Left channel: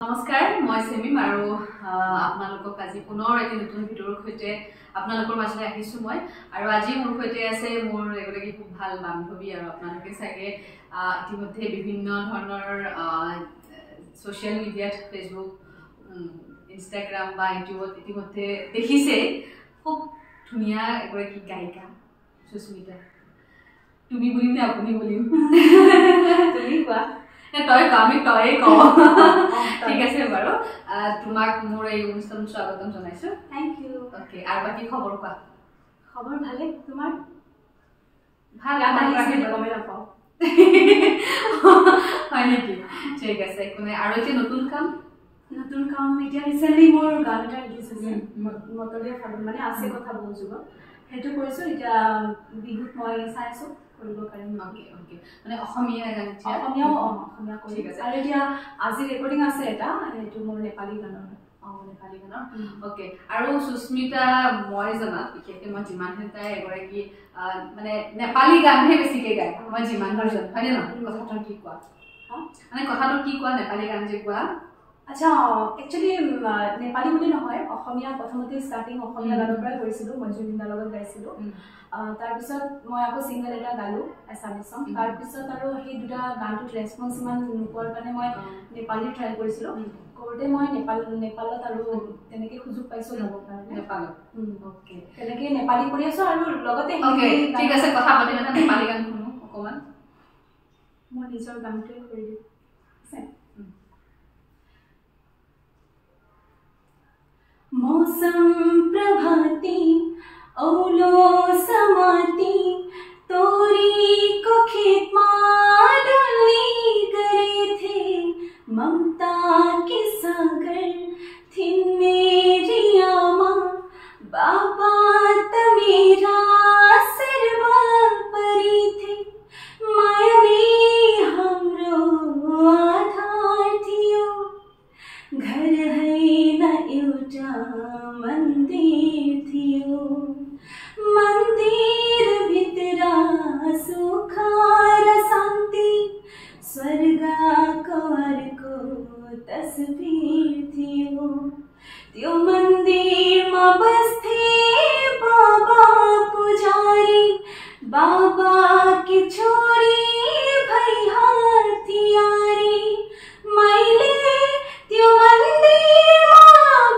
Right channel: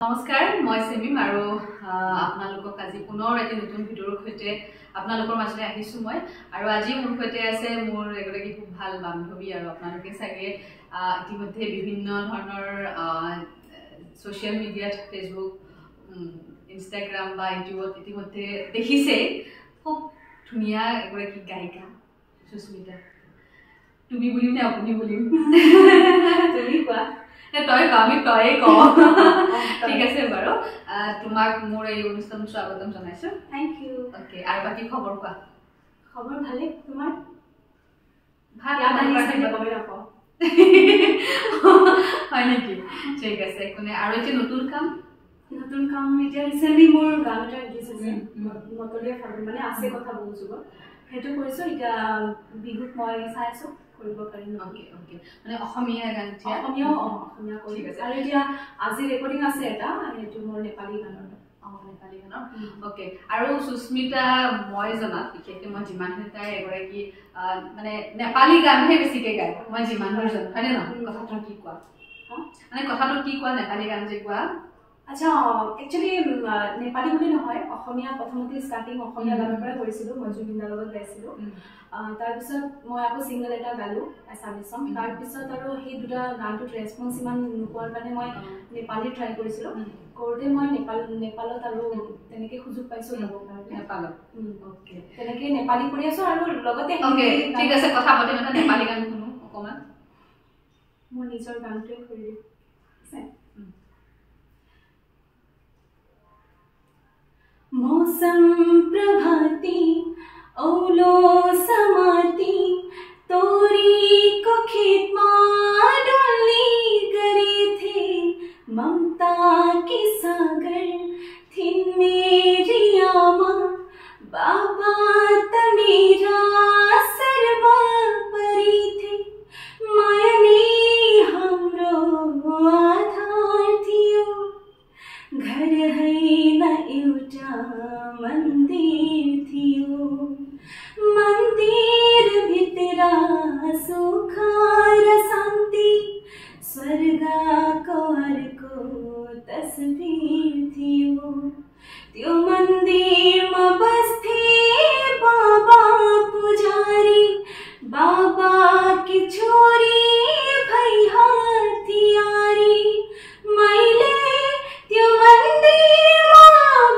नमस्कार मैं सेमिम और आपनालोকক আজি पुनर एटा नतुन भिडिओर सहिते आपनालोকৰ মাজলৈ আহিছো মই আৰু আজি মোৰ সৈতে আছে মোৰ এগৰাকী খুব ভাল বান্ধৱী আৰু আপোনালোকে চাগে ইতিমধ্যে বিভিন্ন ধৰণৰ সোশ্যাল মিডিয়াত ফেসবুক ইনষ্টাগ্ৰাম বা ইউটিউবত ইতিমধ্যে দেখিছে খুব ধুনিয়া এগৰাকী গায়িকা সুস্মিতা তুমি বুলিম না আপুনি বুলিম তুমি কোৱা তই কামি তই ক ঠিক আছে বাৰু তোমাক মোৰ এই অনুষ্ঠান স্বাগতম জনাইছো থ্যাংক ইউ ওকে আৰু বাকি খবৰ কোৱা খবৰ ভালে তোমাৰ ভাল লাগিছে কমেন্ট নাপাও হয় নেকি ঠিক আছে কোনে আৰু এটা নতুন কাম এতিয়া ৰিসেন্টলি মোৰ গান এটা ৰিলিজ হৈছে মতলিয়া ফাগুন মানে আছে কথা বহু যুগ হেতু কৰিছো এতিয়া বিহুত মই চাইছো কৰিব পাৰিম ওকে ওকে মানে অসমীয়া গান অসমীয়া কৰি ঠিক আছে আৰু এতিয়া আজি ৰেকৰ্ডিং আছে এটা হেতু মোৰ নেপালী গানৰ নেপালী গানৰ ওকে আৰু সুস্মিতা মই জনাত বিশেষকৈ মই যিমানখিনি তাই এগৰাকী মানে নেপালী গানহে বেছিকৈ গায় মই যিমান দূৰ জানো হয়নে নহয় কথাটো কি কোৱা মানে কথাটো কি কোৱা নেপালী গান যে কোৱা আচ্ছা একচুয়ালি নেপালী বুলি নহয় অসমীয়া প্ৰথমতে স্টাৰ্টিং অসমীয়া গানৰ পৰা কৰিছিলো মই জুবিনদাৰ লগত গাইছিলো তাৰ পিছত মই আকৌ সিঙ্গল এটা গালো এছামিজ সং তাৰ পিছত আৰু সেই দুটা গানটোত ৰেসপন্স ইমান নোপোৱাৰ কাৰণে মই নেপালী ট্ৰাই কৰিছিলো কৰোতে মই নেপালত আৰু তেনেকে সুযোগ পাইছো গাব কাৰণে নেপালত ওকে তেনেকে নেপালী কৰি আছো আৰু লগতে ওকে ঠিক আছে কথা পাতি মানে নেপালী গান শুনো অকমান মই নিজৰ গানটোৱে কৰি দিম मौसम प्रभाती औलो समाती तोरी को खेत में डोली करे थे ममता के सागर थिन मेरी आमा बाबा तमेरा सरवा परी थे मायने हमरो आधार थियो घर है न एउटा मंदिर थियो मंदिर भित्रा सुखार शांति स्वर्गको अर्को तस्वीर थियो त्यो मन्दिरमा बस्थे बाबा पुजारी बाबा की छोरी भई हथियारी मैले त्यो मन्दिरमा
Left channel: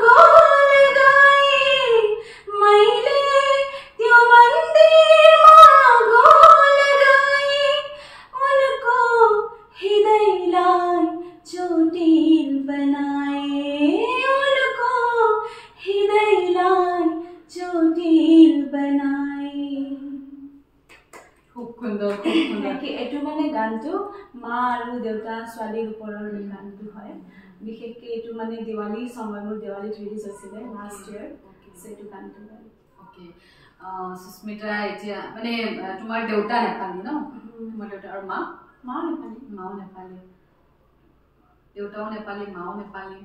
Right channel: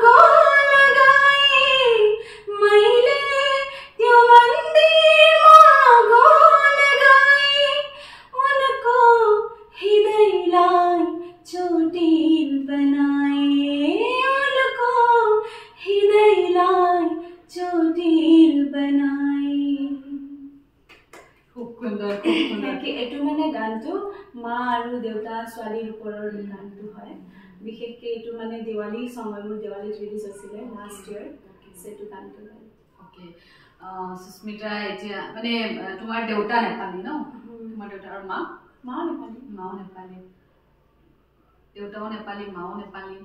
गोल लगाए मैले त्यो मन्दिरमा गोल लगाए उनको हृदयलाई चोटिल बनाए उनको हृदयलाई चोटिल बनाए খুব সুন্দৰ কি এটো মানে গানটো মা আৰু দেউতা ছোৱালীৰ ওপৰৰ গানটো হয় বিশেষকৈ এটো মানে দিৱালী সময় মোৰ দিৱালী ৰিলিজ হৈছিল লাষ্ট ইয়াৰ সেটো গানটো গাই ওকে সুস্মিতা এতিয়া মানে তোমাৰ দেউতা নেপালী ন তোমাৰ দেউতা আৰু মাও নেপালী দেউতাও নেপালী মাও নেপালী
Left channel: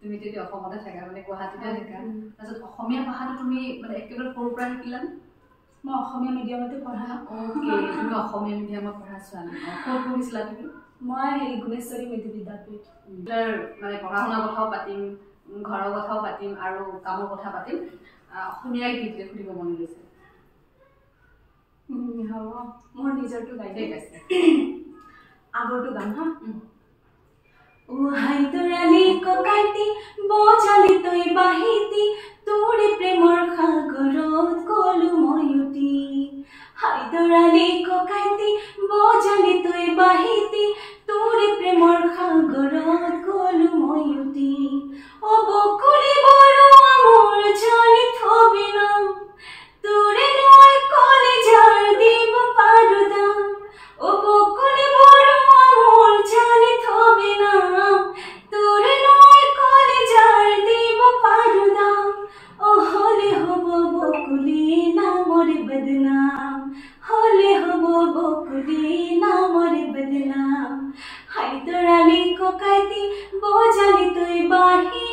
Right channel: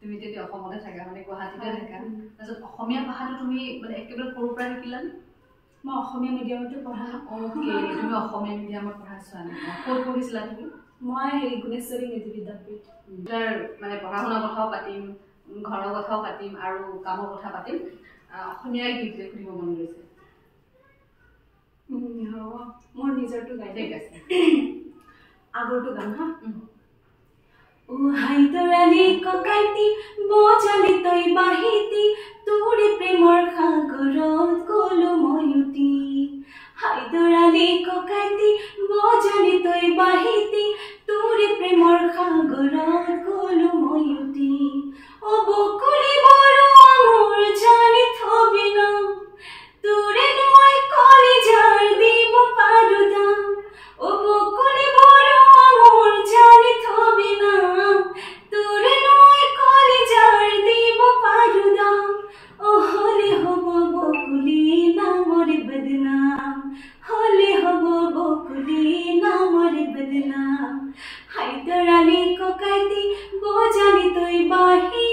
তুমি তেতিয়া অসমতে থাকা মানে গুৱাহাটীতে থাকা তাৰপিছত অসমীয়া ভাষাটো তুমি মানে একেবাৰে সৰুৰ পৰা শিকিলা মই অসমীয়া মিডিয়ামতে পঢ়া ওকে তুমি অসমীয়া মিডিয়ামত পঢ়া ছোৱালী ক'ত পঢ়িছিলা তুমি মই গুণেশ্বৰী মেধি বিদ্যাপীঠ তাৰ মানে পঢ়া শুনাৰ কথাও পাতিম ঘৰৰ কথাও পাতিম আৰু কামৰ কথা পাতিম অসমীয়া গীতলে খুলিব মন গৈছে মোৰ নিজৰটো গাই ঠিক আছে আগৰটো গান হা ও হাইদৰালি ককাইতি বজালি তই বাহিতি তোৰে প্ৰেমৰ সাগৰত গলো ময়ুতি হাইদৰালি ককাইতি বজালি তই বাহিতি তোৰে প্ৰেমৰ সাগৰত গলো ময়ুতি ও বকুলি বড় মোৰ জানি থবি না তোৰে নয় কলিজাৰ দিব পাৰো দাম ও বকুলি বড় মোৰ জানি থবি না তোৰে নয় কলিজাৰ দিব পাৰো দাম ও হলে হব বকুলি নামৰ বদনাম হলে হব বকুলি নামৰ বদনাম হাইদৰালি ককাইতি বজালি তই বাহিতি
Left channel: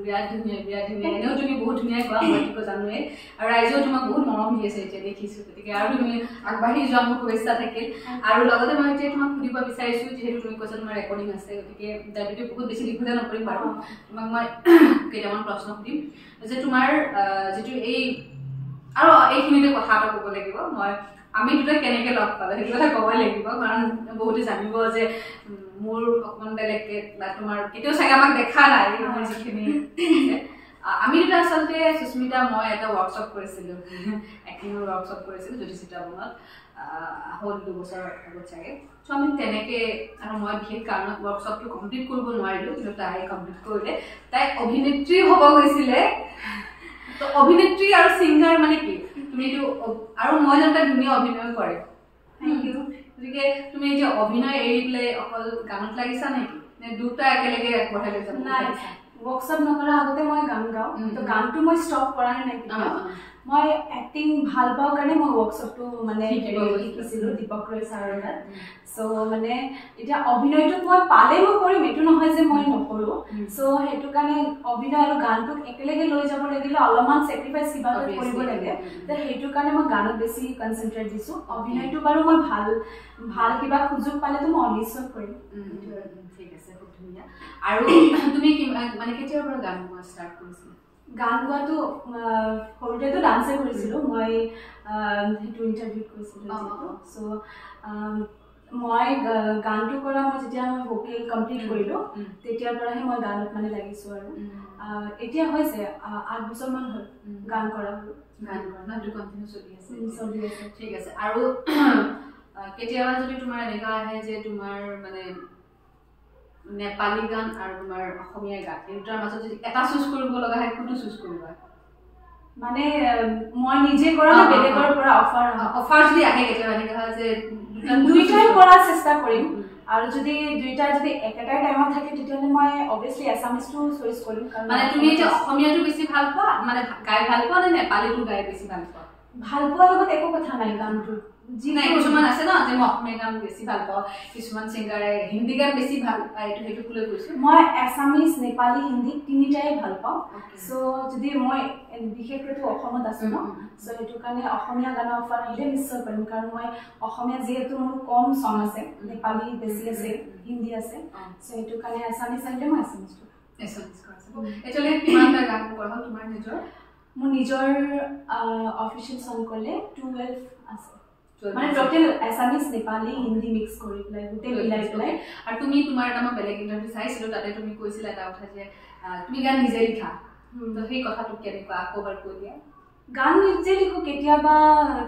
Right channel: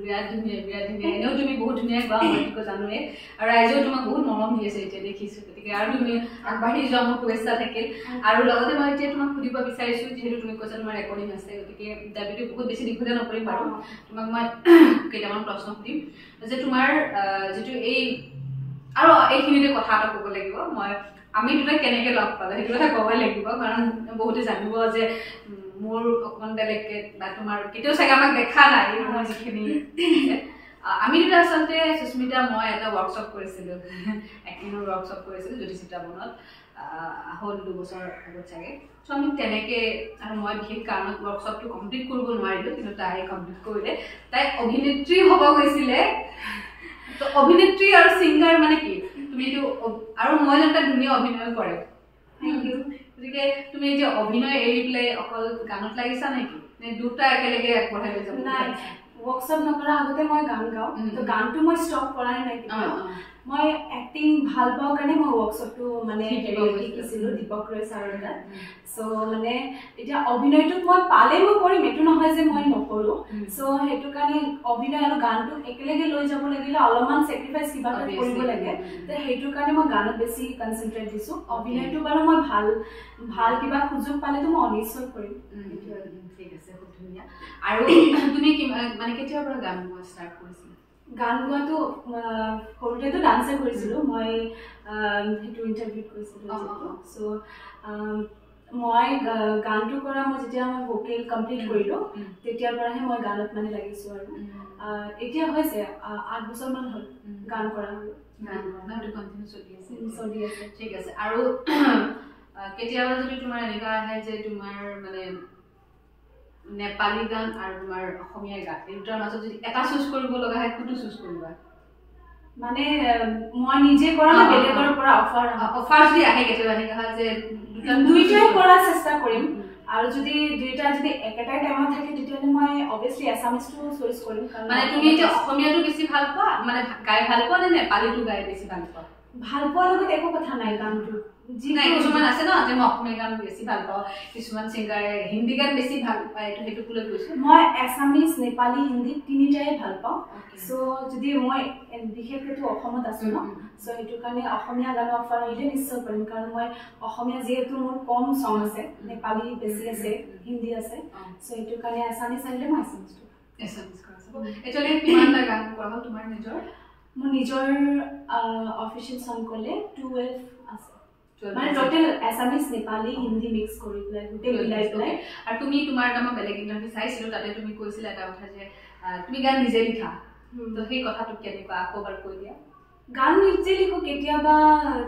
বিৰাট ধুনীয়া এনেও তুমি বহুত ধুনীয়া গোৱা মই জানোৱে আৰু ৰাইজেও তোমাক বহুত মৰম দি আছে এতিয়া দেখিছোঁ গতিকে আৰু তুমি আগবাঢ়ি যোৱা মোৰ শুভেচ্ছা থাকিল আৰু লগতে মই এতিয়া তোমাক সুধিব বিচাৰিছোঁ যিহেতু তুমি কৈছা তোমাৰ ৰেকৰ্ডিং আছে গতিকে দাবিটো বহুত বেছি দীঘলীয়া নকৰিম বাৰু তোমাক মই কেইটামান প্ৰশ্ন সুধিম যে তোমাৰ যিটো এই আৰু এইখিনিতে কথা এটা ক'ব লাগিব মই আমি দুটা কেনেকৈ লগ পালোঁ সেইটো কথা ক'বই লাগিব কাৰণ বহুতে জানিব যে মোৰ অকণমান বেলেগকৈ বা তোমাৰ কেতিয়াও চাগে আমাক দেখা নাই মোৰ যিখিনি আমি দুটা আচলতে সুস্মিতা মই এটা ৱৰ্কশ্বপ কৰিছিলোঁ এক্টিঙৰ ৱৰ্কশ্বপ কৰিছিলোঁ জ্যোতিচিত্ৰা বনত হ'ল 2 বছৰ আগত চাগে চ' আমি তেনেকৈ আৰু মই বিশেষ কাৰণত ৱৰ্কশ্বপটো কমপ্লিট কৰিব নোৱাৰিলোঁ কিন্তু তাই কমপ্লিট কৰিলে তাই অভিনেত্ৰী হ'ব গৈছিলে তো অভিনেত্ৰী আৰু ছিংগাৰ মানে কি তুমি এইটো আৰু মই জানো তাই ধুনীয়া অভিনয় কৰে থেংক ইউ গতিকে তুমি এতিয়া অভিনয় এৰি পেলাই অকল গানত লাগিছা নেকি নে দুটা একেলগে আগবঢ়াই লৈ যাব নাই ৱৰ্কশ্বপ নকৰাৰ আগতে মই গান গাওঁ তো গানটো মই ষ্টপ কৰা নাই মই এক্টিং ভাল পাওঁ কাৰণে মই ৱৰ্কশ্বপটো মানে শিকিছিলোঁ দীপক ৰয় ছাৰৰ তাত চ' মানে এতিয়া অভিনয়টোত মই পালে মই কৰিম এইটো নহয় যে মই নকৰোঁ চ' সেইটো কাৰণে অভিনয় আৰু গানটোক একেলগে লৈ যাব লাগিলে অলপমান ছেক্ৰিফাইচ কিবা এটা কৰিব লাগে তো সেইটো কাৰণে মই গানত বেছি কনচেনট্ৰেট দিছোঁ অভিনয়টো বাৰু মই ভাল কিবা সুযোগ পালেতো মই নিশ্চয় কৰিম ঠিক আছে খুব ধুনীয়া আৰু তুমি মানে কেতিয়াৰ পৰা গান গোৱা ষ্টাৰ্ট কৰিছিলা গান গোৱাটো সৰুতেতো ডান্সে কৰিছিলোঁ মই সেইটো ইণ্টাৰভিউত কৰিছিলোঁ চ' মই গানটো কৰা মই যেতিয়া মই ভোকেল কমপ্লিট কৰিলোঁ তেতিয়াৰ পৰাহে মই গানত মানে লাগিছোঁ আৰু এতিয়া হৈছে 8 বছৰমান হ'ল গান কৰা চলি আছে ঠিক আছে আৰু কেতিয়াবা যদি তোমাৰ এনেকুৱা আহে যে তোমাৰ মানে নেপালী গান আৰু তোমাৰ অসমীয়া গান এই দুটাৰ মাজত যদি এটা চুজ কৰিব লগা হয় কোনটো চুজ কৰিবা মানে মই নিজে কৰা না বেলেগৰ পৰা অফাৰ যদি আহে কেতিয়াবা এনেকুৱা হয় যে দুইটাই কৰাৰ চেষ্টা কৰিম আৰু যদি দুইটা যদি একেটাই টাইমত থাকে তেতিয়াহ'লে মই অবভিয়াছলি এছামিজটো চইচ কৰিম মানে তুমি এতিয়া অসমীয়াটো বেছি ভাল পোৱা মানে গাই ভাল পোৱা নে নেপালীটো গাই বেছি ভাল পোৱা ভাল পোৱাৰ লগত একো কথা নাই গানটো যি নাই কিছুমান আছে ন যে মই অসমীয়া গান বেছি ভাল পাওঁ কিছুমান ছিংগাৰে হিন্দী গান বেছি ভাল পায় সেইটো ক'লে কৈছোঁ মই এছামিজ নেপালী হিন্দী তিনিটাই ভাল পাওঁ চ' যদি মই বিশেষকৈতো অসমত আছোঁ ন চ' সেইটো কাৰণে অসমীয়া গানৰ অফাৰ আহিলে নিশ্চয় কৰিম কাৰণ মই অসমীয়া যিহেতু মোৰ কম চং আছে নেপালী বেছি আছে হিন্দী আছে চ' সেইটো কাৰণে এছামিজ আহিলে মই এছামিজটো এতিয়ালৈকে কিমানটা গান কৰা হ'ল তোমাৰ নিজৰ মোৰ নিজৰ অফিচিয়েল চং ক'লে 12 আছে মানে total Assamese Nepali Hindi mix কৰি পেলাই গোটেই মিলাই পেলাই আৰু তুমি তোমাৰ এটা মই বেলেগ ইণ্টাৰভিউ চাইছিলোঁ তাতে তুমি কৈছিলা এটা কথা যে তুমি গান নিজে লিখা তো সেই কথাটো কেনেকুৱা আকৌ এবাৰ কৈ দিয়া গান নিজে লিখো কেতিয়াবা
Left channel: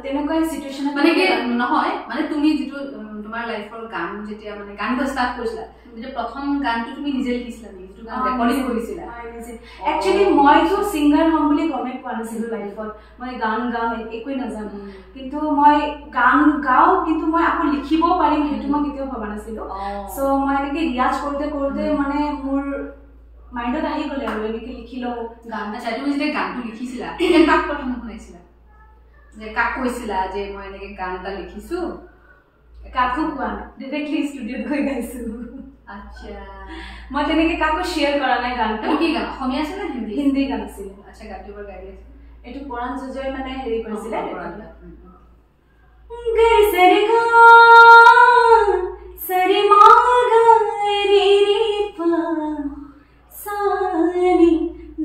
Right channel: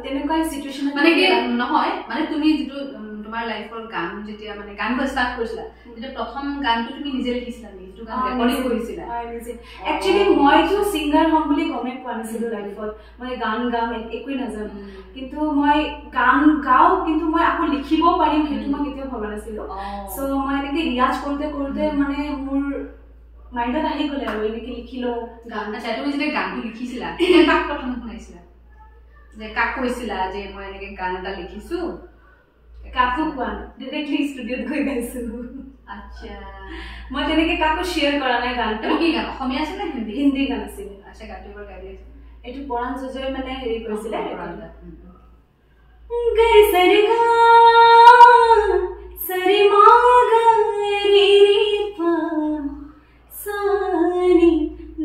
তেনেকুৱা চিটুৱেশ্যনত মানে কি নহয় মানে তুমি যিটো তোমাৰ লাইফৰ গান যেতিয়া মানে গান গোৱা ষ্টাৰ্ট কৰিছিলা যেতিয়া প্ৰথম গানটো তুমি নিজে লিখিছিলা নেকি যিটো গান ৰেকৰ্ডিং কৰিছিলা নিজে একচুৱেলি মইতো ছিংগাৰ হ'ম বুলি গমেই পোৱা নাছিলোঁ লাইফত মই গান গাম একোৱেই নাজানো কিন্তু মই গান গাওঁ কিন্তু মই আকৌ লিখিবও পাৰিম সেইটো মই কেতিয়াও ভবা নাছিলোঁ চ' মই এনেকৈ ৰিয়াজ কৰোঁতে কৰোঁতে মানে মোৰ মাইণ্ডত আহি গ'লে আৰু এনেকৈ লিখি লওঁ গান আচ্ছা তুমি যেতিয়া গানটো লিখিছিলা তেতিয়া কাক প্ৰথম শুনাইছিলা যে কাক কৈছিলা যে মই এনেকৈ গান এটা লিখিছোঁ কাকো কোৱা নাই ডিৰেক্টলি ষ্টুডিঅ'ত গৈ গাইছিলোঁ আচ্ছা মই তেনেকৈ কাকো শ্বেয়াৰ কৰা নাই গানটো কি গান অসমীয়া আছিলে হিন্দী হিন্দী গান আছিলে আচ্ছা গানটো এবাৰ গাই দিছে এইটো পৰাণ জজয় মানে হেৰি কৰিছিলে সৰি মা গা ৰে ৰে পা সানি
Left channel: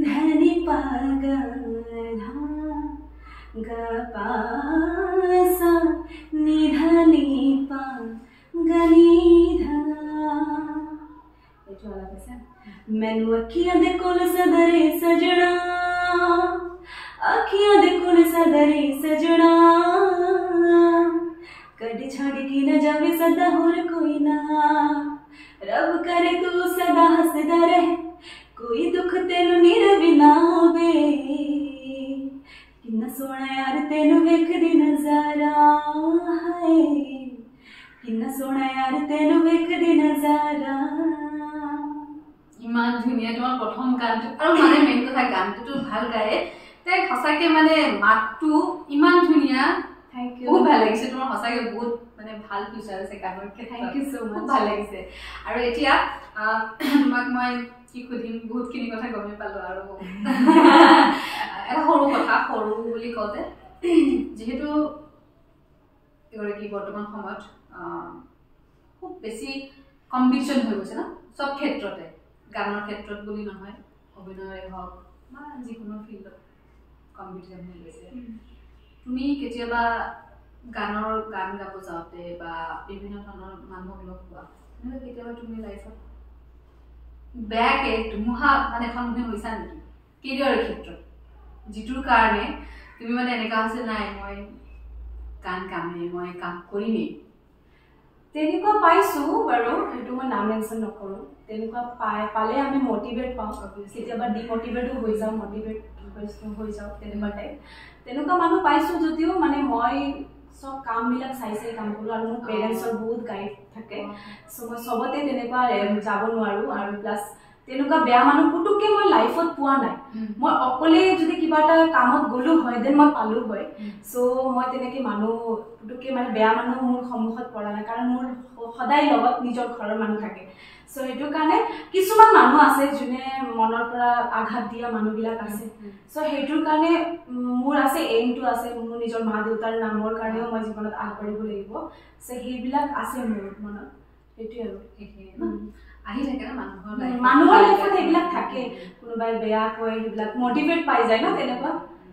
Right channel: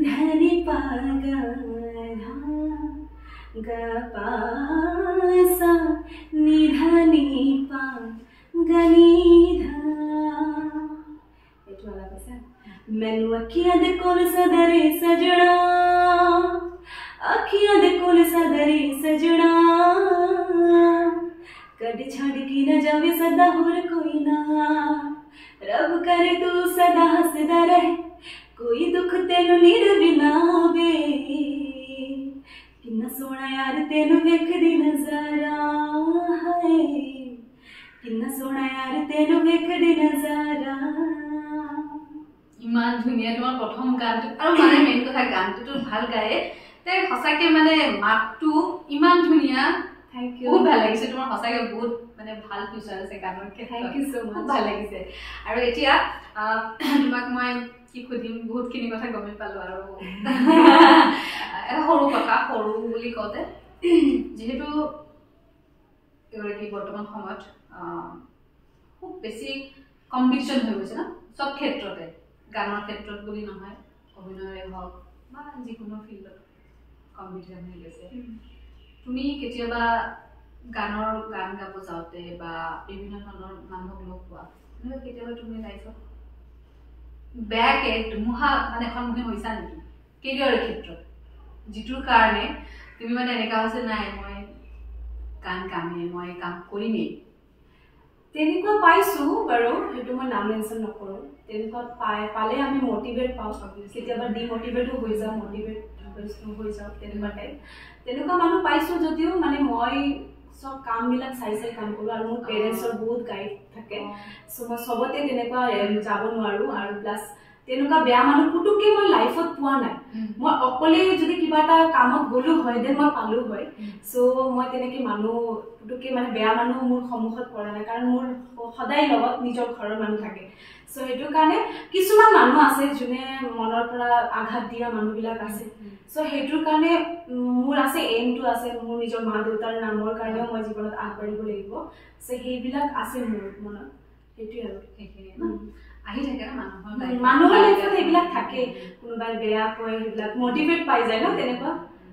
ধনি পা গা ধা গা পা সা নি ধনি পা গা নি ধা এইটো অলপ আছে ਮੈਨੂੰ ਅੱਖੀਆਂ ਦੇ ਕੋਲ ਸਦਰੇ ਸਜਣਾ ਅੱਖੀਆਂ ਦੇ ਕੋਲ ਸਦਰੇ ਸਜਣਾ कभी छड़ की न जावे सदा होर कोई ना रब करे तू सदा हसदा रहे कोई दुख तेनू नीरवी ना वे किन्ना सोहना यार तेनू वेखदी नजारा है किन्ना सोहना यार तेनू वेखदी नजारा ইমান ধুনীয়া তোমাৰ প্ৰথম গানটো আৰু মানে মেইন কথা গানটোতো ভাল গায়ে তাই সঁচাকৈ মানে মাতটো ইমান ধুনীয়া থ্যাংক ইউ বহুত ভাল লাগিছে তোমাৰ সঁচাকৈ বহুত মানে ভাল ফিচাৰ আছে গানৰ ক্ষেত্ৰত থ্যাংক ইউ সো মাচ ভাল লাগিছে আৰু এতিয়া তোমাক মই কি সুধিম বহুতখিনি কথা গমেই পালোঁ আৰু এটা সৰু কথা সৰু বুলি কওঁতে যেহেতু এগৰাকী বৰ্তমান সময়ত খুব বেছি কম্পিটিশ্যন হৈ গৈছে না সব ক্ষেত্ৰতে গানৰ ক্ষেত্ৰত বুলি নহয় অভিনয়ে হওক বা যিকোনো ফিল্ডত কম্পিটিশ্যন হৈ গৈছে তুমি কেতিয়াবা গান গাব যাওঁতে বা বিভিন্ন ধৰণৰ মানুহক লগ পোৱা এনেকুৱা কেতিয়াবা তুমি লাইফত বেয়াকে ধুমুহা মানে সন্মুখীন হৈছা নেকি কেৰিয়াৰৰ ক্ষেত্ৰত যিটোৰ কাৰণে তুমি মানে এনেকুৱা হৈছে নাই মই গান গামেই মই কাম কৰিমেই তেনেকুৱা পাইছো বাৰু সেইটো মই নাম মেনশ্যন নকৰোঁ তেনেকুৱা পালে আমি মটিভেট পাওঁ কেতিয়াবা ডিমটিভেটো হৈ যাওঁ মটিভেট হৈ যাওঁ তেনেকুৱা টাইপ তেনেকুৱা মানুহ পাইছোঁ যদিও মানে মই সব কামবিলাক চাই কাম কৰোঁ আৰু মোৰ পেৰেণ্টছৰ বহুত গাইড থাকে চ' মই চবতে তেনেকুৱা যাব নোৱাৰোঁ আৰু প্লাছ তেনেকুৱা বেয়া মানুহ পুতুককৈ মই লাইফত পোৱা নাই মই অকলে যদি কিবা এটা কামত গ'লো হয় দেন মই পালোঁ হয় চ' মই তেনেকৈ মানুহ পুতুককৈ মানে বেয়া মানুহ মোৰ সন্মুখত পৰা নাই কাৰণ মোৰ সদায় লগত নিজৰ ঘৰৰ মানুহ থাকে চ' সেইটো কাৰণে কিছুমান মানুহ আছে যোনে মনৰ পৰা আঘাত দিয়া মানুহবিলাক আছে চ' সেইটোৰ কাৰণে মোৰ আছে এইমটো আছে মোৰ নিজৰ মা দেউতাৰ নামৰ কাৰণেও মই জীৱনত আগবাঢ়িব লাগিব চ' সেইবিলাক আছে মোৰ মনত সেইটোৱে আৰু আহি থাকে না মানুহৰ লাইফত সেইবিলাক থাকে কোনোবাই বেয়া কয় সেইবিলাক মটিভেট পাই যায় ন তেনেকুৱা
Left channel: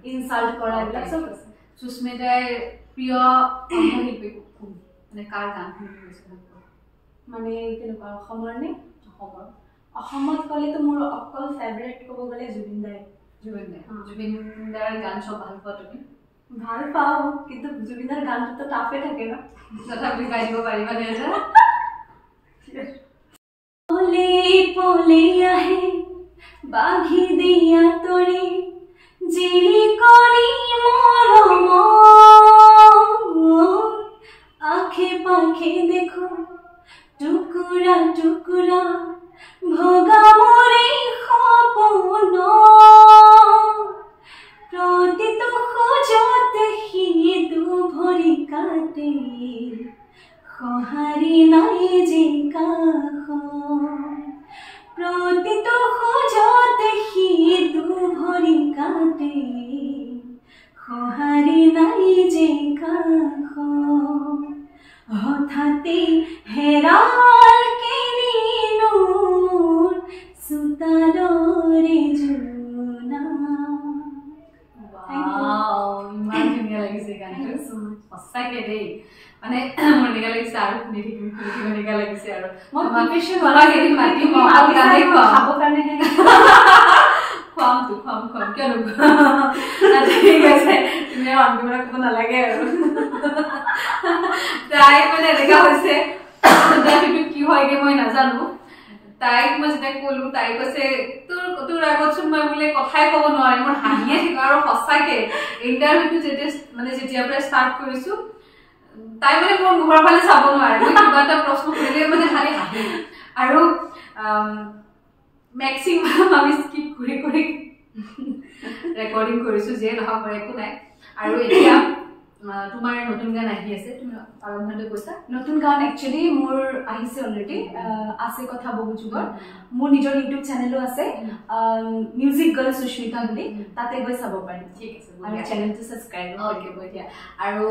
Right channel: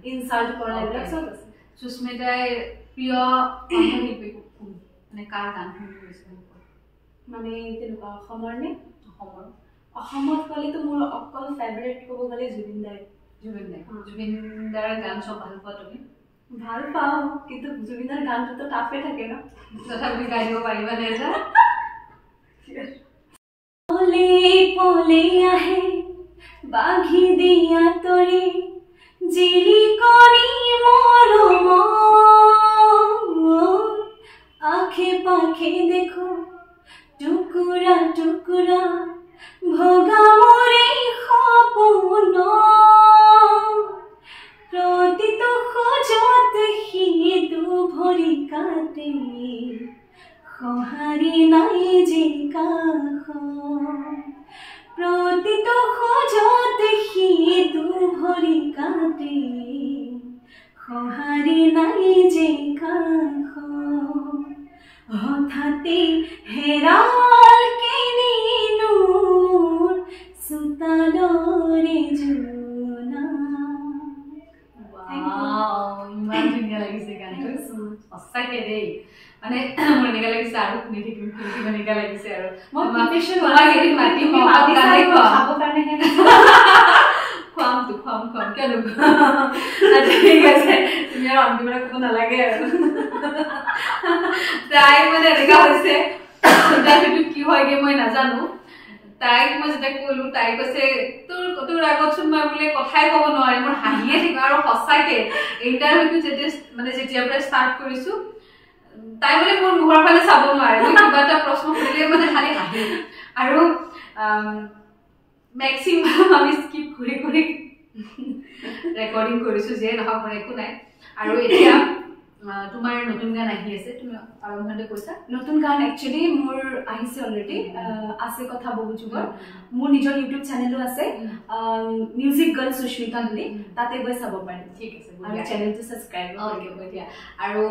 ইনচাল্ট কৰা এইবিলাক চব আছে সুস্মিতাৰ প্ৰিয় শিল্পী কোন মানে কাৰ গান শুনি গৈছে মানে তেনেকুৱা অসমৰ নে অসমত ক'লেতো মোৰ অকল ফেভৰেট ক'ব গ'লে জুবিন দাৰ গান চব ভাল পোৱা তুমি ভাল পাওঁ কিন্তু জুবিন দাৰ গানটোতো টাফে থাকে ন তথাপি গাই দিব পাৰিবা নে পলে পলে আহে বাঘি দিয়া তৰি জিলিকনি মৰম আখে পাখে দেখো টুকুৰা টুকুৰা ভগা মৰে সপোন প্ৰতিটো খোজত সিটো ভৰি কাটে সঁহাৰি নাই যে কাষ প্ৰতিটো খোজত সিটো ভৰি কাটে সঁহাৰি নাই যে কাষ হঠাতে হেৰাল কেনিনো মোৰ চোতালৰে জোনা ইমান ধুনীয়া লাগিছে গানটো সঁচাকে দেই মানে মোৰ এনেকুৱা লাগিছে আৰু শুনি থাকিম এনেকুৱা লাগিছে আৰু মই প্ৰিপেৰেশ্যন মাতিম খাব কাৰণেহে খুৱাম কিয় ঠিক আছে তুমি আৰু অন্তিমৰা ক'ব নালাগে আৰু তাই মানে এনেকুৱা হৈছে সেইটো কি হয়গে মই নাজানো তাইক মই যেতিয়া ক'লো তাই কৈছে তোৰ আগতচোন মই বোলে কথাই ক'ব নোৱাৰিম মোৰ হাঁহিয়ে থাকিব আৰু সঁচাকে ইণ্টাৰভিউটো যেতিয়াৰ পৰা ষ্টাৰ্ট কৰিছো তাই মানে মোৰ মুখৰ ফালে চাব নোৱাৰে মই কিবা এটা প্ৰশ্ন সুধিলে মানে খালি হাঁহি আৰু মেক্সিমাম আমি স্কিপ কৰি কৰি ৰেকৰ্ডিং কৰিছো যে নহওক মোৰ একো নাই আৰু এতিয়া তোমাৰ নতুন গান আহি আছে তুমি আৰম্ভণিতে কৈছা নতুন গান একচুৱেলি মোৰ আহিছে অলৰেডি আছে কথা বহু যুগৰ মোৰ নিজৰ ইউটিউব চেনেলো আছে মিউজিক গাৰ্ল সুস্মিতা বুলি তাতে গৈ চাব পাৰিম ঠিক আছে আৰু চেনেলটো ছাবস্ক্ৰাইব কৰিব এতিয়া আৰু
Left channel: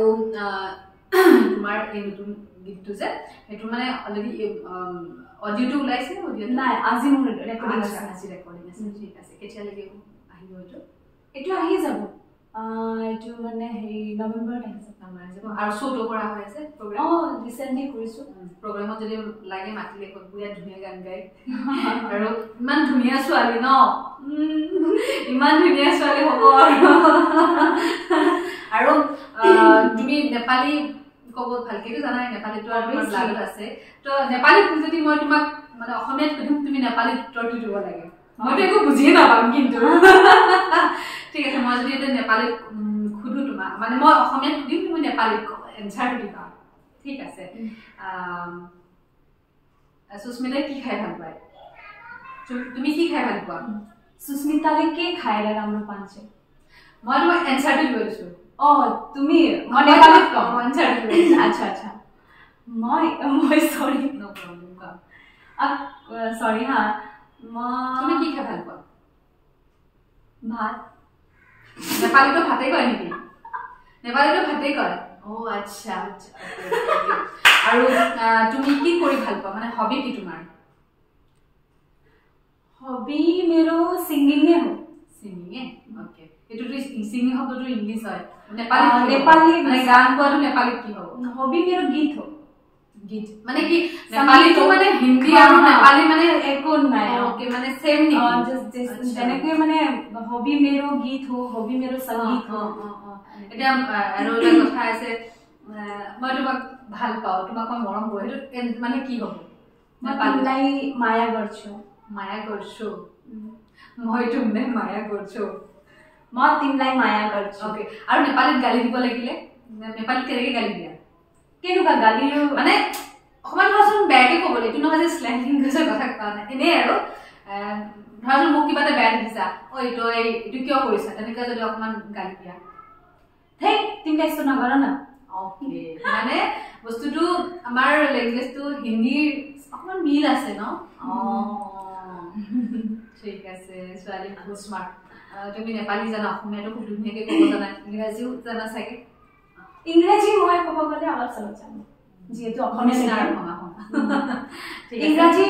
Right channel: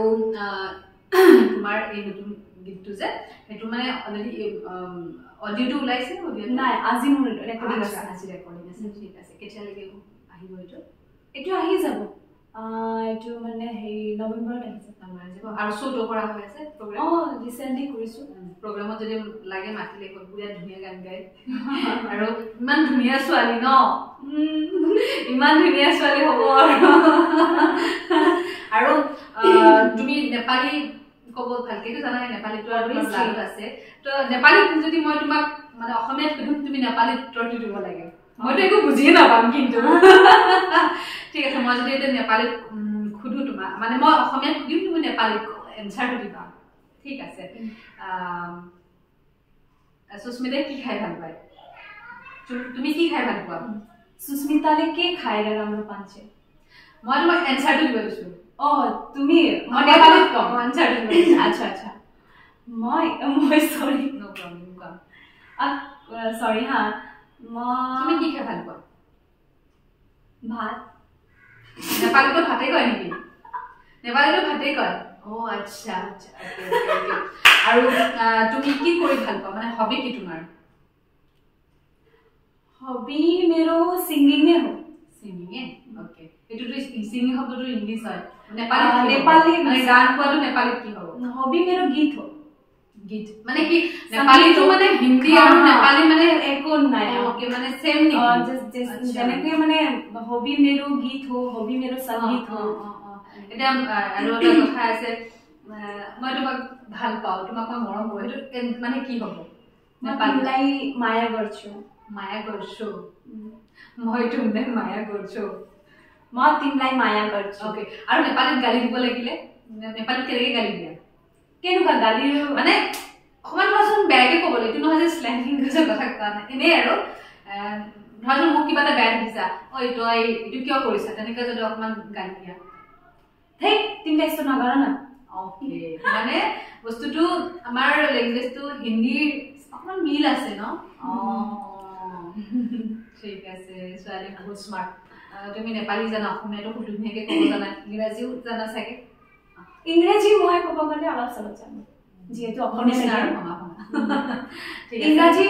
তোমাৰ এই নতুন গীতটো যে সেইটো মানে অলৰেডি অডিঅ'টো ওলাইছে নাই আজি মোৰ ৰেকৰ্ডিং আছে ঠিক আছে কেতিয়ালৈকে আহিব এইটো আহি যাব এইটো মানে হেৰি নৱেম্বৰত আহিছে আৰু শ্ব'টো কৰা হৈ আছে ৰিচেণ্টলি কৰিছোঁ প্ৰগ্ৰামত যদি লাগে মাতিলে বিৰাট ধুনীয়া গান গায় আৰু ইমান ধুনীয়া ছোৱালী ন ইমান ধুনীয়া ছোৱালী হ'ব আৰু তুমি নেপালী ক'ব ভালকেতো জানাই নেপালীটো আৰু তোমাৰ ব্লাডত আছে তো নেপালীত যদি মই তোমাক মানে অসমীয়াত সুধিম তুমি নেপালীত উত্তৰটো দিব লাগে মইতো একো বুজিয়ে নাপাম কিন্তু ঠিক আছে মই যদি এতিয়া নেপালীত সুধো তোমাক মানে মই অসমীয়াত সুধিম তুমি নেপালীত এনচাৰটো দিবা ঠিক আছে সুস্মিতাই কি খাই ভাল পায় তুমি কি খাই ভাল পোৱা সুস্মিতালে কি খাই ৰাম পাঞ্চে মই তোমাক এনচাৰটো দিব দিছোঁ তুমি মই নেপালীত কম এনচাৰটো আচ্ছা আচ্ছা মই সৰি নো প্ৰব্লেম কম সৰি হা তুমি কি খাই ভাল পোৱা ভাত নেপালীটো ভাতে কয় নেকি নেপালীটো ভাতে কয় ও আচ্ছা আচ্ছা আৰু তুমি কি কৰি ভাল পোৱা মানে হবি কি তোমাৰ हॉबी मेरो सिंगिंग है हो सिंगिंग है ओके एटु तो सिंगिंग शब्दটো इंग्लिश হয় নেপালী নেপালী মানে গান কোৱাটো নেপালীত কি হ'ব हॉबी मेरो गीत हो गीत মানে কি নেপালীটো মানে হিন্দি আৰু নেপালী মানে একো নাই ओके মানে सेम নি যেনেকৈ মানে हॉबी मेरो गीत हो हॉबी मेरो संगीत हो এটা আৰু এটা কথা আছে মই তোমাক ভাল পাওঁ তোমাক মই মৰম কৰো এটো মানে কি হ'ব নেপালীলাই মায়া गर्छु माया गर्छु মই তুমি মায়া गर्छु মই তিমলাই মায়া गर्छु ओके আৰু নেপালীত গালি দিব লাগিলে নেপালীত কেনেকৈ গালি দিয়া কেনেকুৱা গালি মানে অকমান ধৰচোন বেয়াকে ক'বলৈ এইটো নহয় যে স্লেং ইংলিছৰ কথা কোৱা নাই এনেই আৰু ধৰচোন মোক কিবা এটা বেয়া দেখিছা ঐ তই এইটো কিয় কৰিছা তেনেকৈ যদি অকমান গালি দিয়া হেই তুমি এসো নাগাৰা না ओके মানে বস্তুটো আমাৰ ল্যাঙ্গুৱেজটো হিন্দী অকমান মিল আছে ন ঠিক আছে ছোৱালী বহুত স্মাৰ্ট তুমি নেপালী জানা অসমীয়াটো খুব ধুনীয়াকে ক'ব জানা ইংৰাজীও জানা চাগে ইংৰাজী মই ক'ব গ'লে অলপ চলপ জানো যিহেতু অসমীয়া ইংৰাজী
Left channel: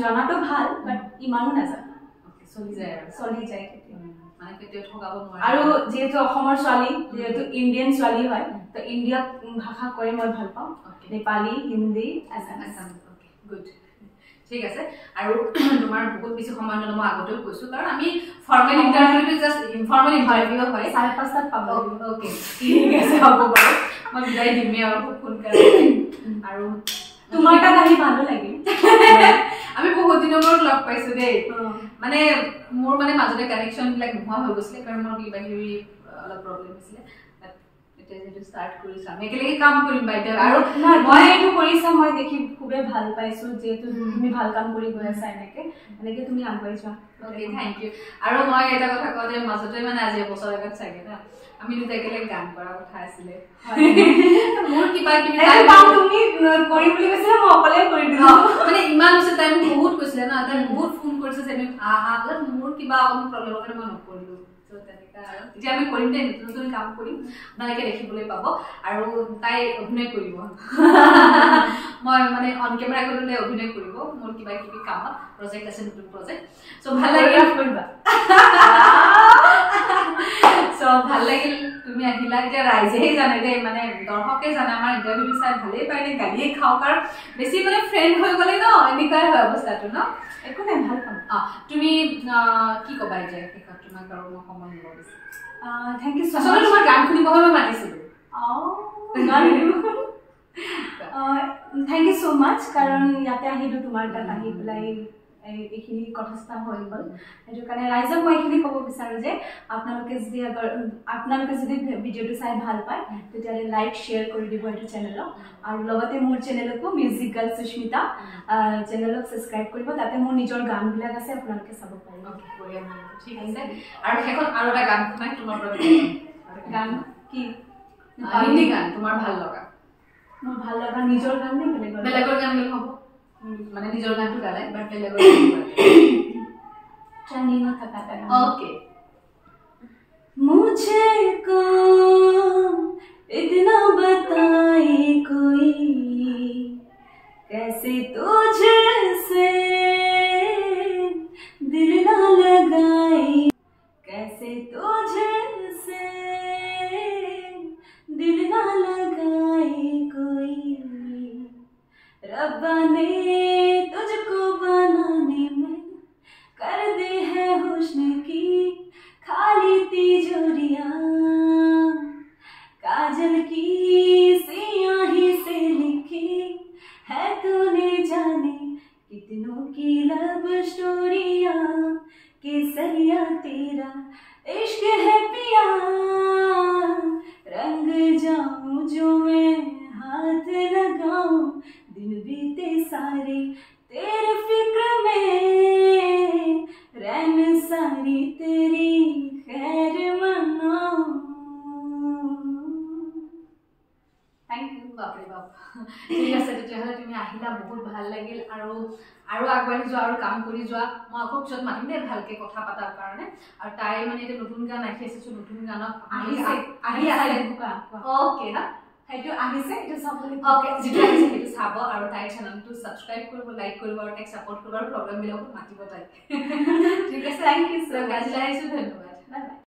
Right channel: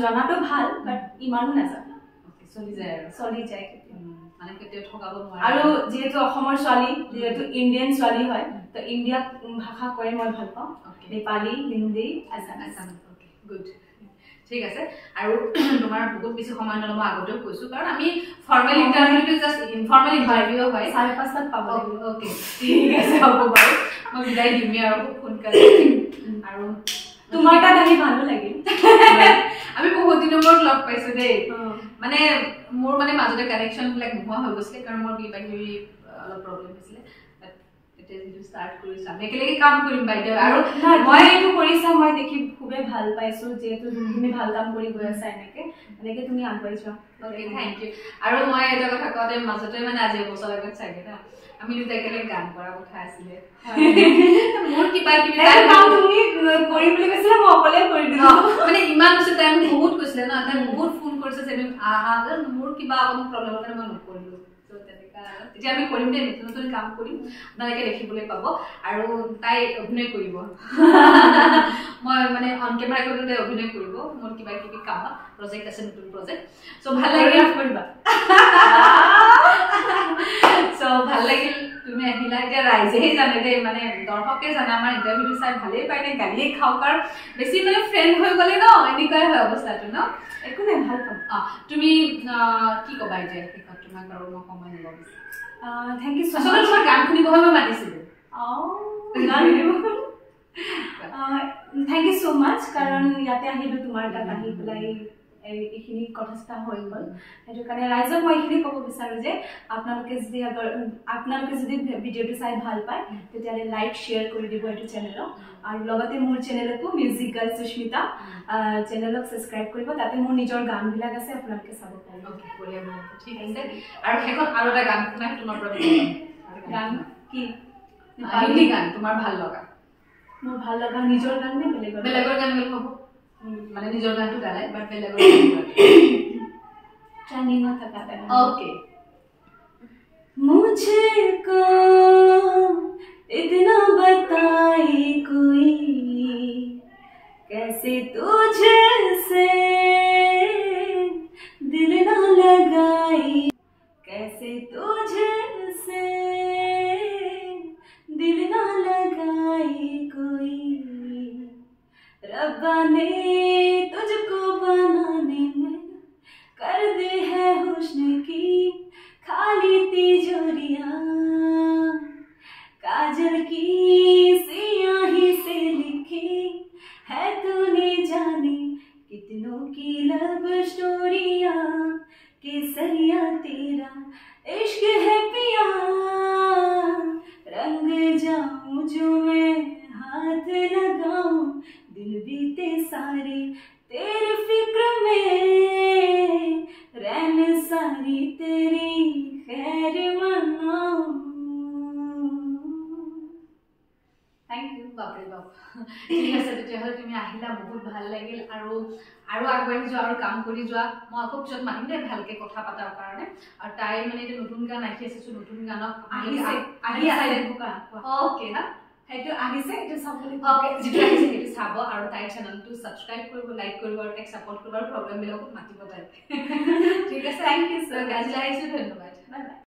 জনাটো ভাল বাট ইমানো নাজানো চলি যায় মানে কেতিয়াও ঠগাব নোৱাৰে আৰু যেহেতু অসমৰ ছোৱালী যেহেতু ইণ্ডিয়ান ছোৱালী হয় তো ইণ্ডিয়াক ভাষা কৰে মই ভাল পাওঁ Nepali Hindi Assamese okay good ঠিক আছে আৰু তোমাৰ বহুত বেছি সময় নলম আগতে কৈছো কাৰণ আমি ফৰ্মেল ইন্টাৰভিউটো জাস্ট ইনফৰ্মেল ইন্টাৰভিউ হয় 5:30 পাব ওকে ঠিক আছে হ'ব বাৰু মই বিদায় দিম আৰু সোনকালে আৰু তোমাৰ তাত আহি ভালো লাগিল আমি বহুত দিনৰ মূৰত লগ পাইছো দেই মানে মোৰ মানে মাজতে কানেকচন বিলাক নোহোৱা হৈ গৈছিলে কাৰণ মোৰ কিবা কিবি অলপ প্ৰব্লেম হৈছিলে এটা যেটো স্টাৰ্ট কৰিছা আমি একেলগে কাম কৰিম বাইদেউ আৰু মই এইটো কৰিছা মই দেখি খুবে ভাল পাইছো যেহেতু তুমি ভাল কাম কৰি গৈ আছা এনেকে তুমি আগুৱাই যোৱা ওকে থ্যাংক ইউ আৰু মই এটা কথা কওঁতে মাজতে মানে আজি বছৰ আগত চাগে না আমি দুটা একেলগে গান কৰা কথা আছিলে মোৰ কিবা কিবি তুমি কৰি বুলি কৈছিলা মই অকলে কৰি দিলো মানে ইমান হৈছে টাইম বহুত কৈছিলে না তাই বহুত ফোন কৰিছে যে আহা মোৰ কিবা অকমান প্ৰব্লেমৰ কাৰণে মই নকৰিলো এতিয়া আমি কৰিম দেই নতুন নতুন কাম কৰিম আপোনালোকে দেখিবলৈ পাব আৰু তাই অভিনয় কৰিব মই মানে অন কেমেৰা কৰি তাই অভিনয় কৰিব মোৰ কিবা কিবি কামত প্ৰজেক্ট আছে নতুন প্ৰজেক্ট সো ভাল লাগিল কৰিবা সো ভাল লাগিল তুমি আহিলা এতিয়া ৰাইজেহে জানে দেই মানে দৰ্শকে জানে আমাৰ ইণ্টাৰভিউটো চাই ভালেই পায় নে গালিয়ে খাওঁ কাৰণ বেছি মানে ফ্ৰেণ্ড হৈ গ'লে ন এনেকুৱাই হয় অৱস্থাটো ন একো নাই ভাল পাম তুমি কি ক'বা এতিয়া শেষত তোমাক আৰু মই সময় নলওঁ থ্যাংক ইউ সো আচলতে তোমাৰ গান শুনিবহে মই মাতিছিলো থ্যাংক ইউ সো মাচ কাৰণ ইয়াতে আহিলো তোমাৰ তাত আহি পেলাই এইখিনি কথা হৈ গ'ল সেইটো কাৰণে ৰাইজক মই এইখিনি ক'ব বিচাৰোঁ যে আপোনালোকে যদি ভিডিঅ'টো চাই ভাল পায় তেতিয়াহ'লে লাইক শ্বেয়াৰ কৰি দিব এইটো চেনেলক আৰু লগতে মোৰ চেনেলকো মিউজিক গাৰ্ল সুস্মিতা চেনেলক ছাবস্ক্ৰাইব কৰিব তাতে মোৰ নিজৰ গানবিলাক আছে আপোনালোকে চাব পাৰিব ঠিক আছে আৰু শেষত আৰু এটা গান শুনাই তোমাৰ পৰা গান কি হিন্দী গান তোমাৰ ভাল লগা মোৰ ভাল লগা নিজৰ গান নে বেলেগৰ গান গালে হ'ব মানে নিজৰ গানটো গালে বাট বেলেগৰ জানি না থাকাটা ओके मुझको इतना बताए कोई कैसे तुझसे दिल ना लगाए कैसे तुझसे दिल ना लगाए कोई रब्बा ने तुझको बनाने में कर दी है हुस्न की खाली तिजोरियां काजल की सियाही से लिखी है तूने जाने कितनों की लब स्टोरियां केसरिया तेरा इश्क है पिया रंग जाऊं जो मैं हाथ लगाऊं दिन बीते सारे तेरे फिक्र में रैन सारी तेरी खैर मनाऊं थैंक यू बापरे बाप ঠিক আছে তেতিয়াহ'লে তুমি আহিলা বহুত ভাল লাগিল আৰু আৰু আগবাঢ়ি যোৱা আৰু কাম কৰি যোৱা মই আকৌ পিছত মাতিম দেই ভালকে কথা পাতাৰ কাৰণে আৰু তাই মানে এতিয়া নতুন গান আহি আছে নতুন গানত আহি আছে ওকে না সেইটো আহিছে এইটো চাবলৈ ওকে যিটো আহিছে সেইটো চাব আৰু তাইৰ চেনেলটো সাবস্ক্ৰাইব কৰিব লাইক কৰিব আৰু তাইক সাপোৰ্ট কৰিব আৰু প্ৰগ্ৰাম বিলাকত মাতিব তাই ঠিক আছে থ্যাংক ইউ সো মাচ গাজি আহিছো ধন্যবাদ বাই বাই